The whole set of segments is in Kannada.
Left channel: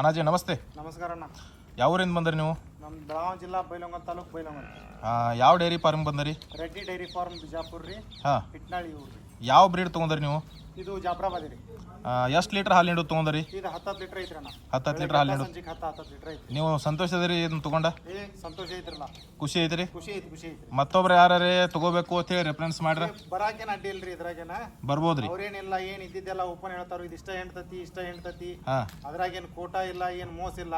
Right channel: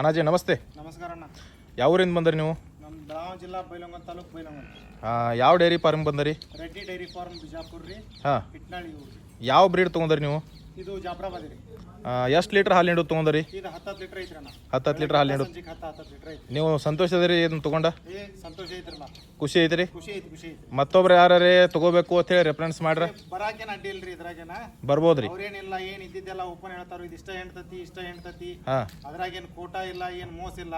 ಅಣ್ಣಾಜಿ ನಮಸ್ತೆ. ನಮಸ್ಕಾರ ಅಣ್ಣ. ಯಾವ ಊರಿಂದ ಬಂದ್ರಿ ನೀವು? ನಮ್ಮ ಬೆಳಗಾವಿ ಜಿಲ್ಲಾ ಬೈಲಹೊಂಗಲ ತಾಲೂಕು ಬೈಲಹೊಂಗಲ. ಯಾವ ಡೈರಿ ಫಾರ್ಮ್ ಬಂದ್ರಿ? ರೆಡ್ಡಿ ಡೈರಿ ಫಾರ್ಮ್ ಬಿಜಾಪುರ ರೀ. ಹಿಟ್ನಾಳಿ ಊರು. ಯಾವ ಬ್ರೀಡ್ ತೊಗೊಂಡ್ರಿ ನೀವು? ಇದು ಜಾಫ್ರಾಬಾದಿ ರೀ. ಎಷ್ಟು ಲೀಟರ್ ಹಾಲು ನೀಡೋದು ತೊಗೊಂಡ್ರಿ? ಇದು 10 ಲೀಟರ್ ಐತ್ರಿ ಅಣ್ಣ. 10 ಲೀಟರ್ ಹಾಲು ನೀಡೋದು. ಸಂಜೆಗೆ 10 ಲೀಟರ್ ಐತ್ರಿ. ನೀವು ಸಂತೋಷ ಅದರಿ ಇದನ್ನ ತಗೊಂಡ? ಸಂತೋಷ ಐತ್ರಲ್ಲ. ಖುಷಿ ಐತ್ರಿ? ಖುಷಿ ಐತ್ರಿ. ಮತ್ತೊಬ್ರು ಯಾರೇ ತಗೋಬೇಕು ಅಂತ ಹೇಳಿ ರೆಫರೆನ್ಸ್ ಮಾಡ್ರ? ಬರಾಕೇನ ಅಡ್ಡಿ ಇಲ್ರಿ ಇದ್ರಾಗೇನ. ಬರ್ಬೋದ್ರಿ? ಅವ್ರೇನಿಲ್ಲ, ಏನ್ ಇದ್ದಿದ್ದೆಲ್ಲ ಓಪನ್ ಹೇಳ್ತಾರ. ಇದು ಇಷ್ಟ ಹೆಣ್ತತಿ ಅದ್ರಾಗೇನ್ ಕೋಟ ಇಲ್ಲ, ಏನ್ ಮೋಸ ಇಲ್ಲ.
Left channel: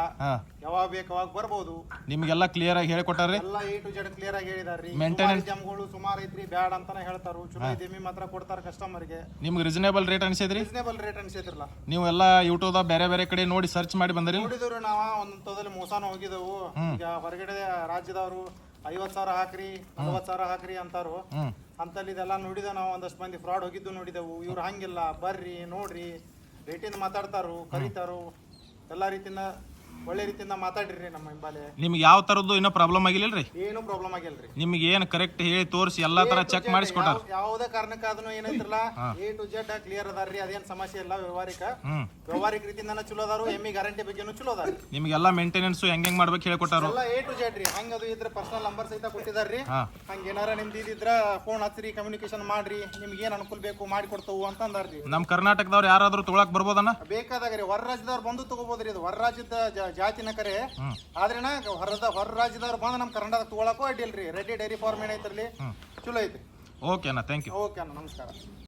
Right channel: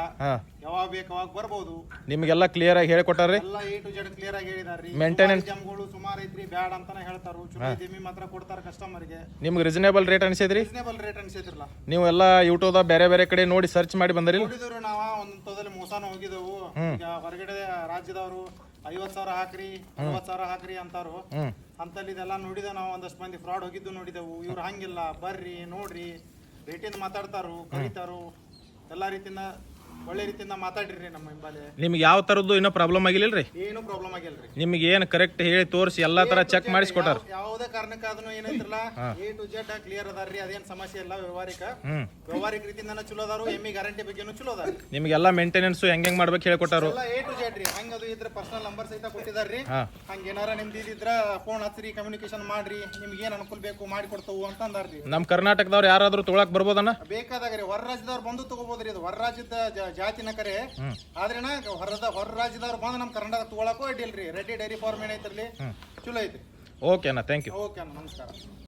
ಯಾವಾಗ ಬೇಕು ಅವಾಗ ಬರ್ಬೋದು. ನಿಮ್ಗೆಲ್ಲ ಕ್ಲಿಯರ್ ಆಗಿ ಹೇಳಿಕೊಟ್ಟಾರ್ರಿ? ಎಲ್ಲ A to Z ಕ್ಲಿಯರ್ ಆಗಿ ಹೇಳಿದಾರ್ರಿ. ಮೇಂಟೆನೆನ್ಸ್ ಜಮ್ಗಳು ಸುಮಾರು ಐತ್ರಿ, ಬ್ಯಾಡ್ ಅಂತಾನೆ ಹೇಳ್ತಾರು. ಚಲೋ ಇದೆಮಿ ಮಾತ್ರ ಕೊಡ್ತಾರ ಕಸ್ಟಮರ್ಗೆ. ನಿಮ್ಗೆ ರೀಸನೇಬಲ್ ರೇಟ್ ಅನ್ಸಿದ್ರಿ? ರೀಸನೇಬಲ್ ರೇಟ್ ಅನ್ಸಿದ್ರಲ್ಲ. ನೀವು ಎಲ್ಲ ಯೂಟ್ಯೂಬ್ ಬೇರೆ ಬೇರೆ ಕಡೆ ನೋಡಿ ಸರ್ಚ್ ಮಾಡಿ ಬಂದ್ರಿ? ನೋಡಿದ್ರು ನಾವ ಒಂದೊಂದ್ ತೊದಲ್ಲಿ ಮೋಸಾನ ಹೋಗಿದೆವು. ಈಗ ಹೊರಗಡೆ ರಾಜ್ಯದವರು 50,000 ಹಾಕ್ರಿ, 40,000 ಹಾಕ್ರಿ ಅಂತಾರು. ಅಂತಲ್ಲಿ ಇದೆಲ್ಲ ನೋಡಿದ ನಾವು. ಒಂದಷ್ಟು ಮಂದಿ ಫ್ರಾಡ್ ಹೋಗಿದ್ದು ನೋಡಿದೆವು. ಇವ್ರು ಹಂಗಿಲ್ಲ, ಬರ್ರಿ ನೋಡ್ರಿ, ರೇಟಿಂದ ಮಾತಾಡ್ತಾರು, ಕರೀತಾರು, ಎಲ್ಲಾ ರೀತಿಯಿಂದ ಒಳ್ಳೆ ರೀತಿಯಿಂದ ಮಾತಾಡ್ರಿ ನಮ್ಮ ಹಿಂಬಾಲೆ. ನಿಮ್ಗೆ ಯಾವ ತರದ್ದು ಏನೋ ಪ್ರಾಬ್ಲಮ್ ಆಗಿಲ್ಲರಿ? ಏನು ಪ್ರಾಬ್ಲಮ್ ಆಗಿಲ್ರಿ. ನಿಮ್ಗೆ ಏನ್ ಕರೆಕ್ಟ್ ಹೇಳಿ ತೋರಿಸಿ ಎಲ್ಲಾ ತರ ಚೆಕ್ ಮಾಡಿಸ್ಕೊಟ್ಟಾರ? ಯಾವುದೇ ಕಾರಣಕ್ಕಾದ್ರೂ ಏನೈತ್ರಲ್ಲ A to Z ಕ್ಲಿಯರ್ ಅದಾರ್ರಿ. ಅದೇನ್ ಸಮಸ್ಯೆ ಇಲ್ಲ. ವ್ಯವಹಾರಿಕ ರೀತಿಯಿಂದ ಚಲೋ ಅದಾರು. ಎಮ್ಮಿ ಗ್ಯಾರಂಟಿ ಬಗ್ಗೆನೂ ಚಲೋ ಅದಾರ. ನಿಮ್ಗೆಲ್ಲ ಮೇಂಟೆನೆನ್ಸ್ ಹೆಂಗ್ ಮಾಡ್ಬೇಕು ಹೇಳ್ಕೊಟ್ಟಾರ? ಎಲ್ಲ A to Z ರೀ. ಹಂಗದು ಇದ್ರ ಪರ್ಸನಲ್ ನಂಬರ್ ಸಹಿತ ಕೊಟ್ಟಿದಾರ್ರಿ. ಹಂಗ ಏನಾರ ನಿಮ್ದು ಇದ್ರ ಫೋನ್ ಹಚ್ಚ್ರಿ, ಕಮ್ಯುನಿಕೇಶನ್ ಮಾಡ್ರಿ, ನಿಮ್ಗೆ ಏನ್ ಅನುಕೂಲ ಬೇಕು ಮಾಡಿ ಕೊಡ್ತವು ಅಂತ ಅಂದಾರ್ರಿ. ನಮ್ ಕರ್ನಾಟಕದವ್ರು ಯಾರಾದ್ರೂ ತೊಗೊಳಕ್ ಬರ್ಬೋದನ್ನ? ಬೇಕಾದಾಗ್ರಿ. ಹೊರ ರಾಜ್ಯದವ್ರು ಬಂದು ತಗೋಬೋದ್ರಿ. ಇದು ಹೊರ ರಾಜ್ಯದ ಜಾತಿನ ಕರೆ. ಆದ್ರೇನ ಹೊರ ರಾಜ್ಯದವ್ರು ಬಂದು ನಮ್ ಕರ್ನಾಟಕ ತಗೊಳಕ್ಕೂ ಅಡ್ಡಿಲ್ರಿ. ರೆಡ್ಡಿ ಡೈರಿ ಫಾರ್ಮ್ ಏನೈತ್ರಿ, ಚಲೋ ಐತ್ರಿ. ಓಕೆ ಅಣ್ಣ, ಥ್ಯಾಂಕ್ ಯು. ಓಕೆ ಅಣ್ಣ, ನಮಸ್ಕಾರ.